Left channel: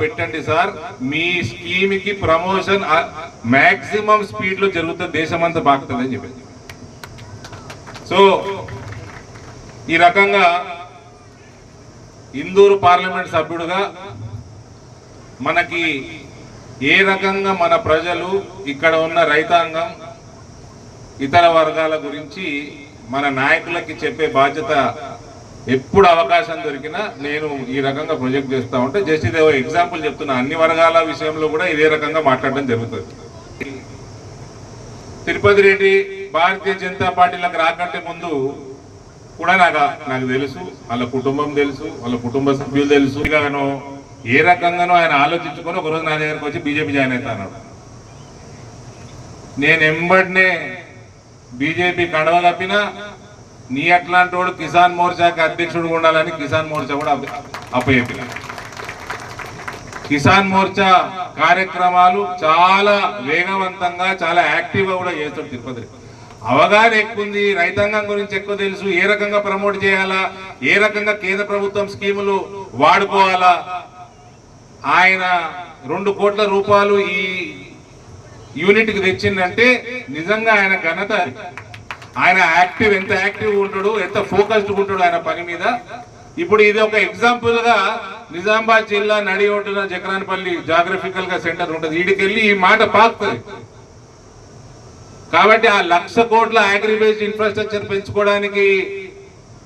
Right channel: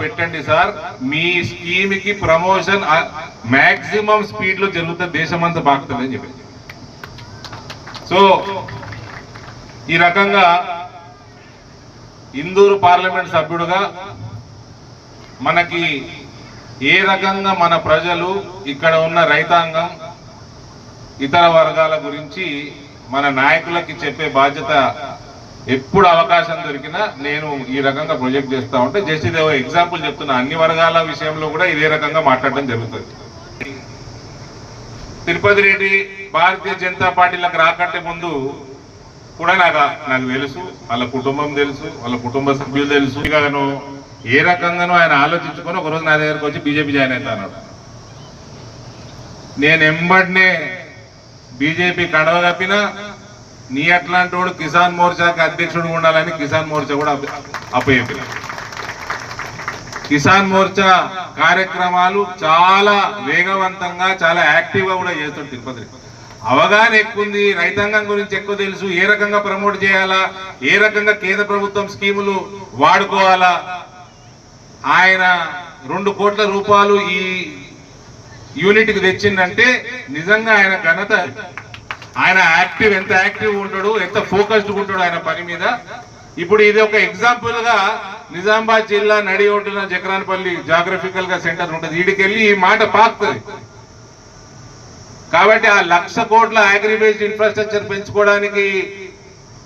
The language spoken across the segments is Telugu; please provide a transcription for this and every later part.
పెట్టండి సార్. మీ స్కీమ్కి ప్రమోషన్ మాక్సిమం స్పీడ్లో జరుగుతుంది దేశమంతా బాగుతుంది అని చెప్పి సో ఈ రకంగా ఇందూరు పార్లమెంట్ సభ్యుడుగా మనకి ఏ రకంగా మన ప్రజలు ఇక్కడ ఉన్న రైతాంగం ఇతర వర్గాల గురించి మన నాయకులకి చెప్పే బాధ్యత ఎప్పుడు అవకాశం దొరికినా నేను ఈ రకంగా ప్రొజెక్ట్ చేస్తా ఉంటే జస్ట్ ఇదే ఎగ్జాంపుల్ చెప్తున్నా. అన్ని వర్గాల విషయంలో కూడా ఇదే రకంగా మాట్లాడడం జరుగుతుంది. తిరుపతి రెడ్డి భారతీయ జనతా పార్టీలకు రాకంటే ముందు కూడా నాకు నాకు తెలుసు. వాళ్ళ కుటుంబం తెలుసు వాళ్ళ కుటుంబ సభ్యులు తెలుసు. కాను ఏ రకంగానో ఆయన ఆలోచించుకొని ఒకరోజు నా దగ్గరకు వచ్చి బీజేపీ జాయిన్ అవుతా అన్నాడు. నేను ఎంబడినే బీజేపీ కడవ కప్పినా నీ అట్లాంటి వాడు కిసాన్ మోర్చాకి అధ్యక్షుడు ఉండాలని కిసాన్ మోర్చా కూడా అప్ప- అప్పచెప్పిన. కిసాన్ మోర్చా కార్యక్రమాలు చాలా వేగవంతంగా చాలా యాక్టివ్గా కూడా చేస్తాడు తిరుపతి. అవగాహన ఎక్కువ ఉంది రైతాంగం గురించి ఎక్కువ తెలుసు ఏ రకంగా ప్రమోట్ చేయాలా ఏ రకంగా కేంద్ర ప్రభుత్వం స్కీములు వాడుకోవాలా. ఆయన రెండు కోట్ల రూపాయలు ఈ యూనిట్కి తెచ్చిందంటే నిజంగా ఆయన ఘనత ఆయన యాక్టివ్ ఎంత యాక్టివ్ ఉంటాడు ఎంత ఫోకస్డ్ ఉంటాడు ఆయన పని మీద. ఇప్పుడు ఇది ఒక ఎగ్జాంపుల్గా నిజామాబాద్ జిల్లా నడి ఒడ్డున జకరాన్పల్లి జాగ్రఫికల్గా సెంటర్ ఉంటుంది. వీడికెళ్ళి ఈ మాట పాకుతుంది. కాబట్టి ఆ లక్ష కోట్ల అగ్రిబేస్డ్ ఇన్ఫ్రాస్ట్రక్చర్ పెంచుకోవడానికి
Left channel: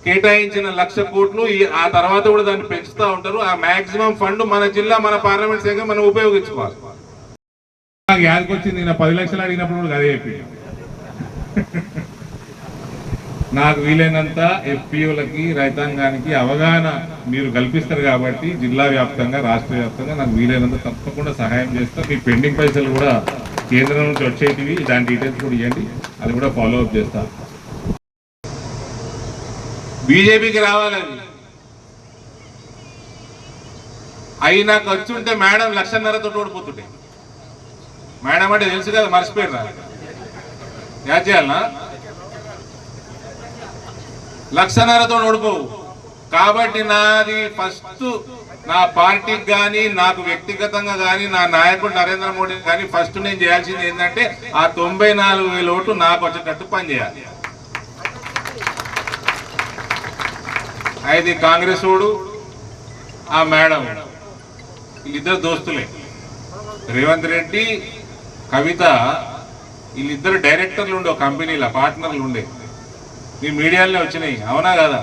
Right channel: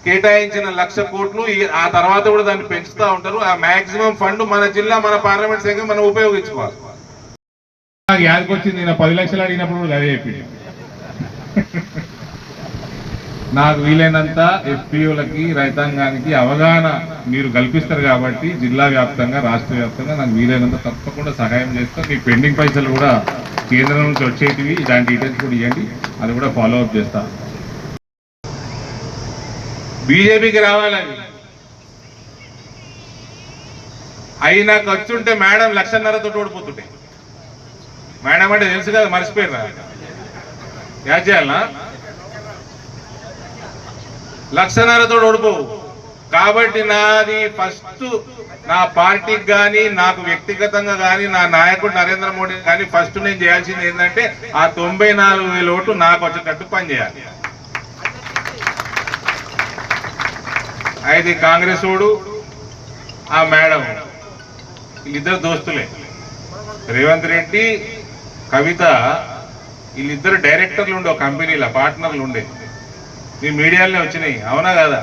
కేటాయించిన లక్ష కోట్లు ఆ తర్వాత కూడా దాన్ని పెంచుతూ ఉంటారు. ఆ మాక్సిమం ఫండ్ మన జిల్లా మన పార్లమెంట్ శాఖ మనం ఉపయోగించుకోవాలి. నాకు యాదకొచ్చింది నేను పది లక్షలు అడిగినప్పుడు కూడా అదే చెప్పింది నాకు వీలైనంత ఎఫ్పిఓలకి రైతాంగానికి అవగాహన మీరు కల్పిస్తారు కాబట్టి జిల్లా వ్యాప్తంగా రాష్ట్ర వ్యాప్తంగా నాకు వీలైనంత తప్పకుండా సహాయం చేస్తాం. మీ పెండింగ్ పైసలు కూడా కేంద్రం నుంచి వచ్చేటివి దాని డీటెయిల్స్ కూడా ఇవ్వండి. అది కూడా ఫాలో అప్ చేస్తాను బీజేపీకి రావాలని అయి నాకు వచ్చుంటే మేడం లక్షన్నరతో ఓడిపోతుండే. మేడం అంటే తెలుసు కదా మర్చిపోయినా యా చేయాలనా? లక్షణాలతో ఓడిపోవు. కాబట్టి నాది ఫస్ట్ నా పార్టీకి కానీ నాకు వ్యక్తిగతంగా కానీ నా నాయకుడు నరేంద్ర మోడీ కానీ ఫస్ట్ నేను చేయాల్సింది ఏంటంటే ఆ తొంభై నాలుగు వేల ఓట్లు నాకు వచ్చేటట్టు పనిచేయాలి. అయితే కాంగ్రెస్ ఓడు ఆ మేడం వీళ్ళిద్దరు దోస్తులే. రేవంత్ రెడ్డి కవిత వీళ్ళిద్దరు డైరెక్టర్లు ఉండే ఒక కంపెనీలో పార్ట్నర్లు ఉండే. మీ మీడియాలోనే వచ్చినాయి. అవునా కదా?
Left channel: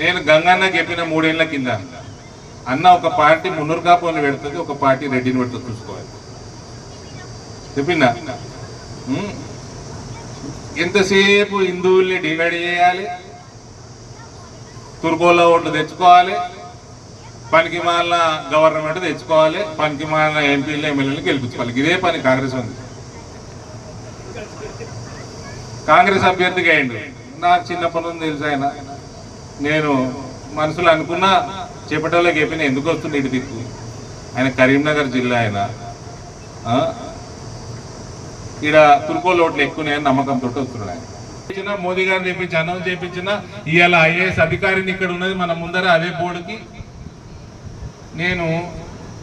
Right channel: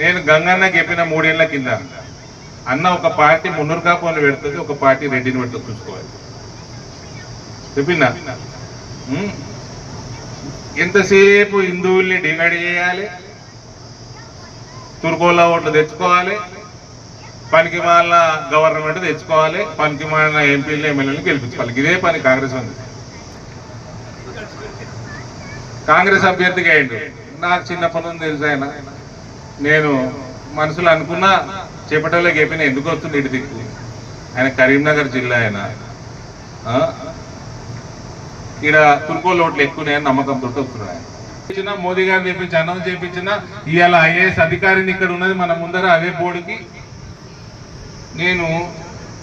నేను గంగన్న చెప్పిన మూడేళ్ళ కింద అన్న ఒక పార్టీ మున్నూరు కాపోని పెడుతుంది ఒక పార్టీ రెడ్డిని పెడుతుంది చూసుకోవాలి. చెప్పిందా ఎంతసేపు హిందువుల్ని డివైడ్ చేయాలి? తుర్కోళ్ళ ఓట్లు తెచ్చుకోవాలి? పనికి వాళ్ళ గవర్నమెంట్ తెచ్చుకోవాలి? పనికి మాలిన ఎంపీలు ఎమ్మెల్యేలు గెలిపించుకోవాలి. ఇదే పని కాంగ్రెస్ ఉంది. కాంగ్రెస్ అభ్యర్థిగా అయ్యిండు నాకు చిన్నప్పటి నుంచి తెలుసు ఆయన. నేను మనసులో అనుకున్నా చేపట్టలోకి చెప్పిన ఎందుకు వస్తుంది ఇటు దిక్కు ఆయన కరీంనగర్ జిల్లా ఆయన. ఇక్కడ తుర్కోలు ఓట్లు ఎక్కువనే నమ్మకం వస్తున్నాడు ఆయన. మోదీ గారిని చేపించి అనౌన్స్ చేపించిన ఇవాళ ఐఏఎస్ అధికారిని ఇక్కడ ఉన్నది మన ముందర అదే బోర్డుకి. నేను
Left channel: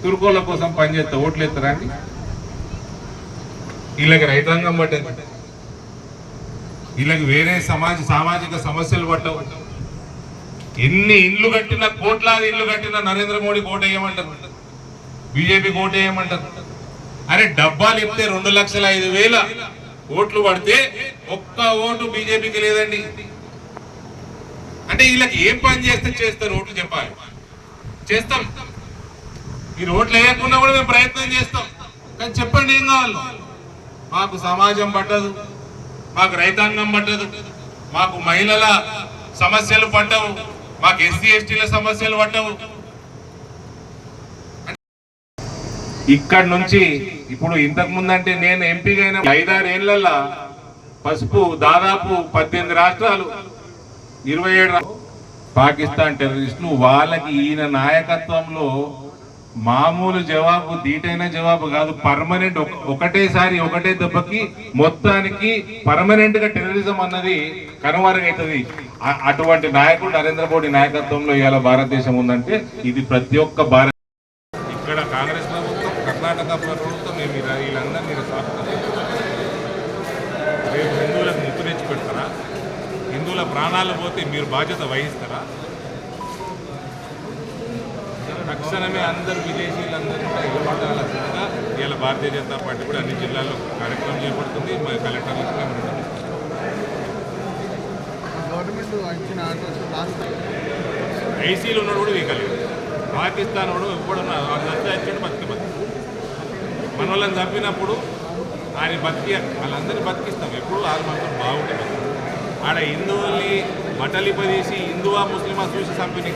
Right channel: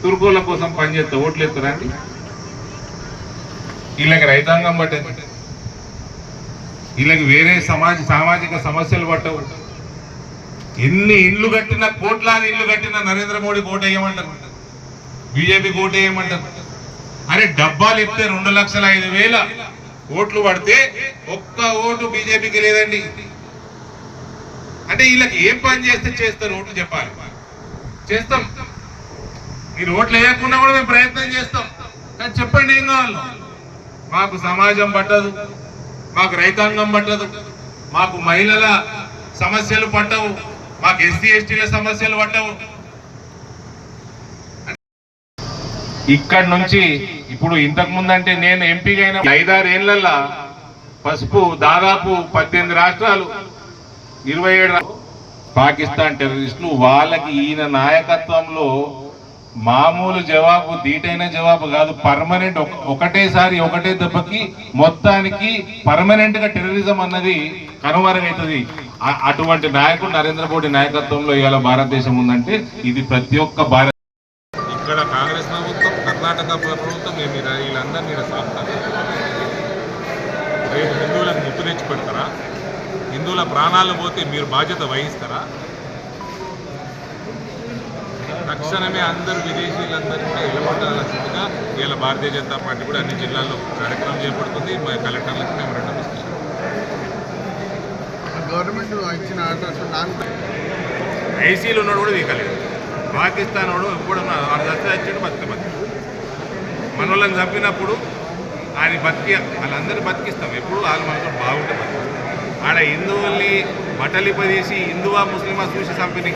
తుర్కోల కోసం పనిచేస్తా. ఓట్లు ఎత్తారండి వీళ్ళకి రైతాంగం పట్టింది. వీళ్ళకి వేరే సమాజ సామాజిక సమస్యలు పట్టవు. ఎన్ని ఇండ్లు కట్టినా కోట్లాది ఇండ్లు కట్టినా నరేంద్ర మోడీ కోట వేయమంటారు. బీజేపీ కోట వేయమంటారు. అరే డబ్బాలు ఇస్తే రెండు లక్షల ఐదు వేల ఓట్లు పడితే ఒక్క ఓటు బీజేపీకి లేదండి. అంటే వీళ్ళకి ఏం పని చేస్తే చేస్తారు ఓట్లు చెప్పాలి. చేస్తాం. మీరు ఓట్లు వేయకుండా కూడా మేము ప్రయత్నం చేస్తాం. కానీ చెప్పండి ఏం కావాలి? మాకు సమాజం పట్టదు. మాకు రైతాంగం పట్టదు మాకు మహిళల సమస్యలు పట్టవు మాకు ఎస్సీ ఎస్టీల సమస్యలు పట్టవు. ఇక్కడ నుంచి ఇప్పుడు ఇంతకు ముందంటే నేను ఎంపీగా అయిన ఐదారు పసుపు దాదాపు పద్దెనిమిది రాష్ట్రాలు ఇరవై ఏడు పాకిస్తాన్ టెర్రరిస్టులు వాళ్ళకి ఈయన నాయకత్వంలో మామూలు జవాబు దీటైన జవాబు కాదు. పర్మనెంట్ ఒకటేసారి ఒకటే దెబ్బకి మొత్తానికి పర్మనెంట్గా టెర్రరిజం అన్నది కనుమరుగైతుంది. అటువంటి నాయకుడు నరేంద్ర మోడీ నాయకత్వంలో ఇవాళ భారతదేశం ఉందంటే ఇది ప్రతి ఒక్క భారత ఇక్కడ కర్ణాటక ప్రభుత్వం మేము ఇలా- వీళ్ళందరినీ ఇలా రేపు హిందువులకు ముప్పు తెచ్చి పెడతారా హిందువుల ప్రాణాలు పోతే మీరు బాధ్యత వహిస్తారా? తక్షణమే అందరు విదేశీయులందరూ కూడా ఇళ్ళబడాల్సిందిగా ఇవాళ భారతీయ జనతా పార్టీ కూడా అన్ని జిల్లాల్లో కార్యక్రమం చేపడుతుంది. మా కలెక్టర్లకు మేము రెండు గవర్నమెంట్ ఇచ్చిన ఐసీలు ఉన్నాడు కూడా వీకలేదు పాకిస్తాన్ వాడు ఎప్పుడు వాడు దత్త వచ్చాడు బతికి బతికి మన వాళ్ళని చంపినప్పుడు ఆయన బతికి వాళ్ళందరినీ బతికిస్తాం. ఎప్పుడు వాళ్ళు మనతో బాగుంటే బతికి ఆడ హిందువుల్ని బట్టలిపదీసి హిందువా ముస్లిమా చూసి చంపిన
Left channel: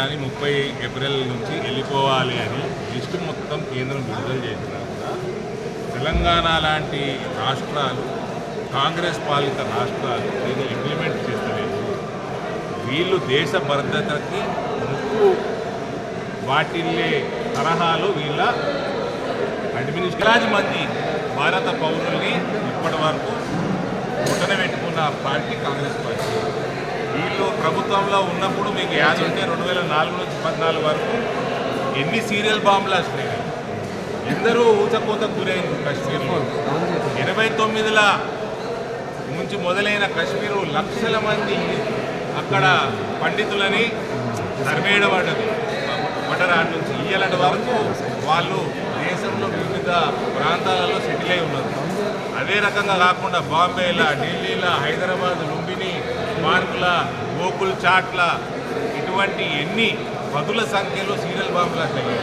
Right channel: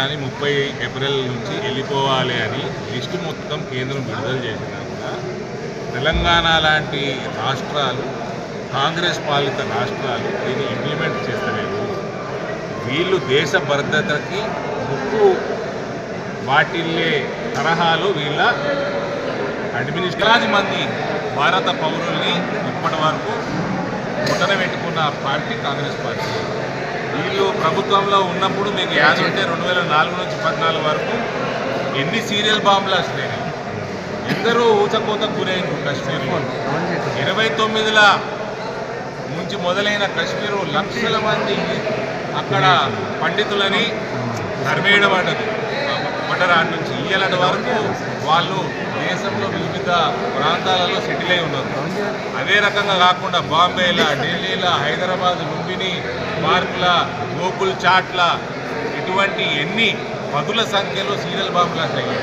అని ముప్పై ఏప్రిల్ నుంచి వెళ్ళిపోవాలి అని లిస్టు మొత్తం కేంద్రం విడుదల చేసినా కూడా తెలంగాణ లాంటి రాష్ట్రాలు కాంగ్రెస్ పాలిత రాష్ట్రాలు దీన్ని ఇంప్లిమెంట్ చేస్తలేవు వీళ్ళు దేశ భద్రతకి ముప్పు వాటిల్లే తరహాలు వీళ్ళ అడ్మినిస్ట్రేషన్ మంది భారత పౌరుల్ని ఇప్పటి వరకు ముట్టన పెట్టుకున్న పార్టీ కాంగ్రెస్ పార్టీ. వీళ్ళు ప్రభుత్వంలో ఉన్నప్పుడు మీకు యాద ఉంటే రెండు వేల నాలుగు నుంచి పద్నాలుగు వరకు ఎన్ని సీరియల్ బాంబులు వస్తున్నాయి? ఎందరూ ఊచకోత గురైన కాశ్మీర్లో. ఇరవై తొమ్మిదిల నుంచి మొదలైన కశ్మీరు లక్షల మంది అక్కడ పండితులని తరిమేయడబడ్డది మటరాడ్ నుంచి ఇయ్యలటి వరకు వాళ్ళు దేశంలో వివిధ ప్రాంతాలలో సెటిల్ అయి ఉన్నారు. అదే రకంగా కాకుండా బాంబేల ఢిల్లీల హైదరాబాద్ లుంబిని పార్కుల గోకుల్ చాట్ల ఇటువంటి ఎన్ని పదుల సంఖ్యలో సీరియల్ బాంబులు అయ్యాయి?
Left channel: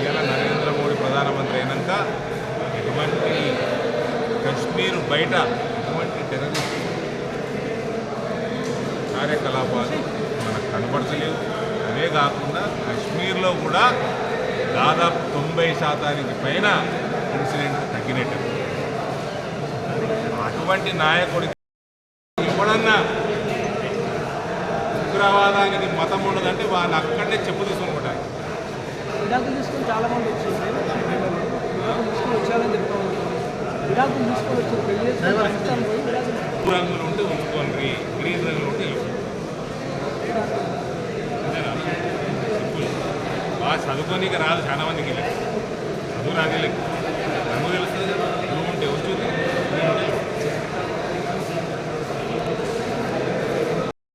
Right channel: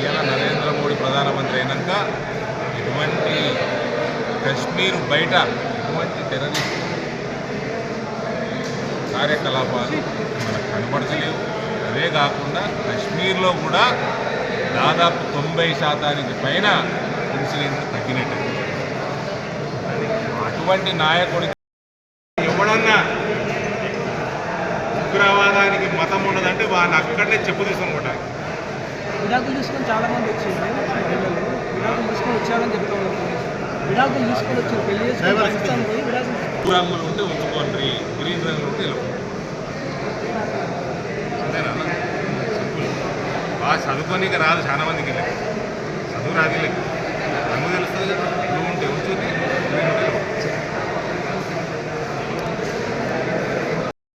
ఇవాళ నరేంద్ర మోడీ ప్రధానమంత్రి అయినాక ఇటువంటి కశ్మీర్ బయట ఇటువంటి టెర్రరిస్ట్ కార్యకలాపాలు మనకు కనబడతలేవు. అదే కాకుండా కశ్మీర్లో కూడా దాదాపు తొంభై శాతానికి పైన ఇన్సిడెంట్లు తగ్గినట్టు. అటువంటి నాయకుడికి ఎవడన్నా ఉగ్రవాదానికి మతం ఉండదంటే వాడిని అక్కడనే చెప్పు తీసుకొని కొట్టాలి విడాకులు తీసుకొని చాలా మంది వచ్చారు. విడాకులు తీసుకొని వచ్చారని చెప్తాను విడాకులు తీసుకొని వచ్చి పెళ్ళి చేసుకొని పాకిస్తాన్ పోయి విడాకులు బ్లూ రంగులు ఉంటే ఉంచుకోండి గ్రీన్ రంగులు ఉంటే ఇలా అంతేనా? సింపుల్. బాగా చదువుకోనీకి రాదు చాలా మందికి ఇలా చదువు రాదు వీళ్ళకి రంగు తెలుస్తుంది కదా.